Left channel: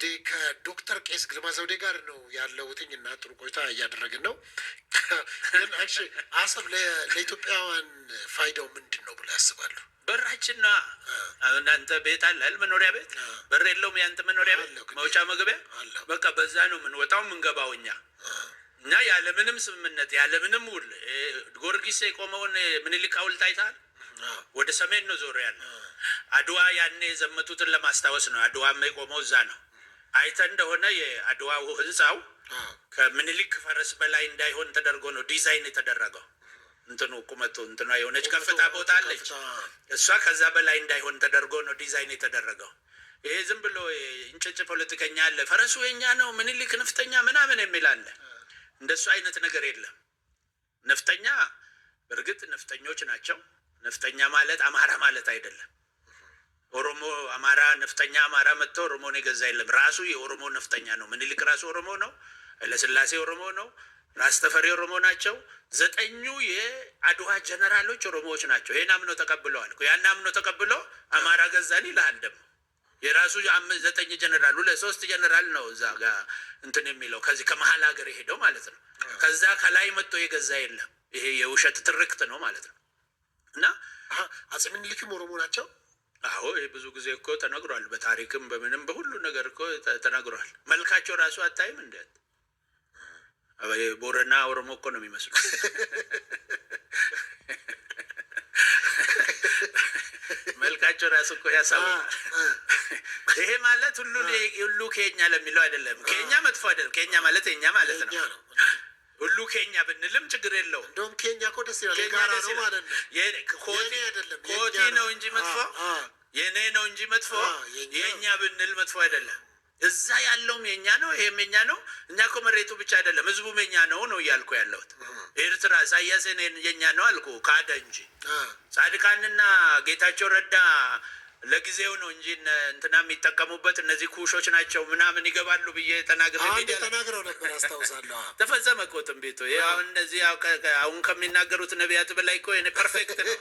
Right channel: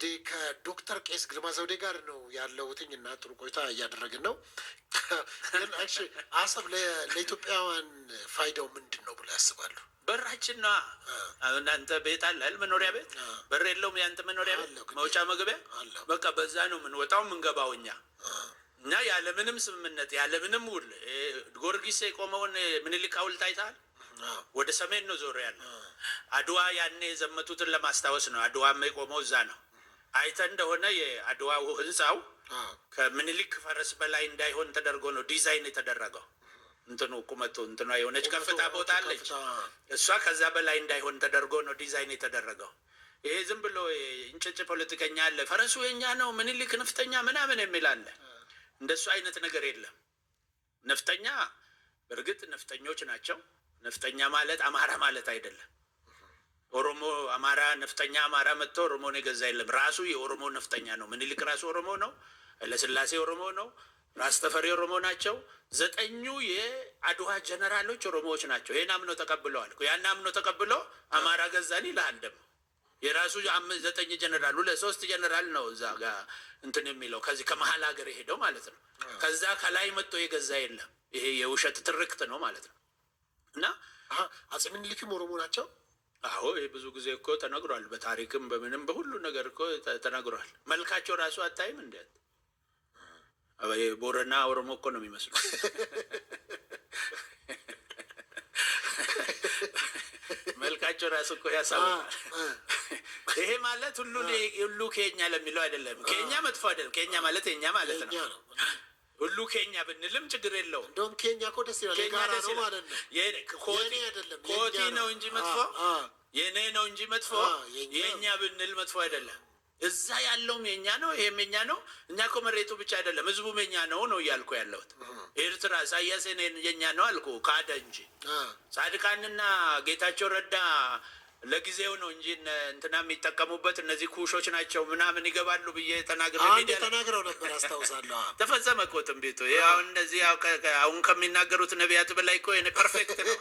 እንግዲህ ከዶክተር ቄስ ግርማ ዘውዴ ጋር ነው ያለሁትኝ እና ጥሩ ቆይታ እያደረግን ነው። ግን አሰብ ለኢትዮጵያውያን ፋይዳው ምንድን ነው ብለው ያስባሉ? በራችን ነዋ። አሁን አንተ ቤት አለ መኖሪያ ቤት በር የለውም? ያንተ መኖሪያ ቤት መውጫ መግቢያ በቃ በዛ ነው የምንወጣው የምንገባው እኛ ያለምንም ስምምነት ያለምንም ውል። ጊዮርጊስ የቆመውን ምኒልክ ሐውልት አይተሃል? ወደ ሰሜን ነው ዞር ያለ። አድዋ ያኔ የዘመቱትን ለማስታወስ ነው። አድዋም የቆመው እዛ ነው። አይተ እንደሆነ የአድዋው ህንፃው ከምኒልክ ፈረስ በላይ እንዳይሆን ተደርጎ ነው ዲዛይን የተደረገው። እንትኑ ቁመቱ እንትኗ የሆነች ከፍታ ቦታ አለች። እሷ ከዛ በላይ እንዳይሆን ተደርጎ ነው ዲዛይን የተደረገው። ይሄ ዝም ብሎ እንጭጭ ፖለቲከኛ አለ፣ ፈረሱ የኛ ነው ምኒልክ ነፍጠኛ ምናምን የሚል አለ። እንደሱ አይነት ነገር የለም። ነፍጠኛ በእርግጥ ነፍጠኞች ናቸው። ነፍጠኛ ማለት አማራ ማለት አይደለም። ኦሮሞ አማራ ነፍጠኛ አማራ መጥቶ ኦሮሞን የገዛ የለም። ራሱ የኦሮሞ ነፍጠኛ ነው። ምኒልክ ራሱ ኦሮሞ ነው። ኃይለሥላሴ ኦሮሞ ነው። ራስ ተፈሪ ኦሮሞ ናቸው። 9 የአድዋ ጀነራሎች ኦሮሞዎች ናቸው። ይሄን አምኖ ተቀብለዋል። ያን አምኖ ተቀብሎ አማራ ገዛን ይልሃል። ደግሞ የራሱ 9 ጀነራል 3 ጀነራል ነው እዛ ጋር እንትን የሚለው ከዚህ ከመሀል ሀገር የሄደው ማለት ነው። ከዛ ከላይ መጥቶ የገዛ የለም። ይሄ የውሸት ትርክት ነው ማለት ነው። እና አፄ ምኒልክም ኦሮሞ ናቸው። አዎ ይሄ ብዙ ጊዜ እኮ ተነግሯል። በታሪክም በምንም በሁሉ ነገር እኮ ተነግሯል። መልካቸው ራሱ አታይም እንዴ? ቦረና ኦሮሞ እኮ ነው የሚመስሉ። መልካቸው ራሱ እኮ ያሳውቃል። ይሄ ማለት ሁሉ ኬኛ ለሚለው አይደለም። ኬኛ መጥፎ አይደለም። ኬኛ ማለት የኛ ማለት ነው። ሁሉ ኬኛ ብንልም ችግር የለው። እንደውም ኬኛ እኮ ደስ ይላል። የጋራ ነው ማለት ነው። ኮቲ ነው እንጂ መጥፎ የኔ ነው እንጂ መጥፎ የኛ ብንል መጥፎ አይደለም። እዛ ያለውም የኛ ነው፣ ይሄም የኛ ነው። እኛ እኮ መሬቱ ብቻ አይደለም ህዝቡም የኛ ነው እያልኩ ያለሁት። ኤርትራ ኢሳያስ የኛ ነው አልኩ ካደ እንጂ ጻድቃንና ጌታቸው ረዳ ለጊዜው ነው እንጂ እንትና የሚጠቀሙበት እነዚህ ኩሾች ናቸው ምናምን ይገባሉ ብዬ ተናግረው ነበር አስታውሳለሁ። ተፈጸመ እኮ ትንቢቱ። አሁን እነዚህ አሁን ከሚናገሩት ነቢያት በላይ እኮ ፐርፌክት ነው።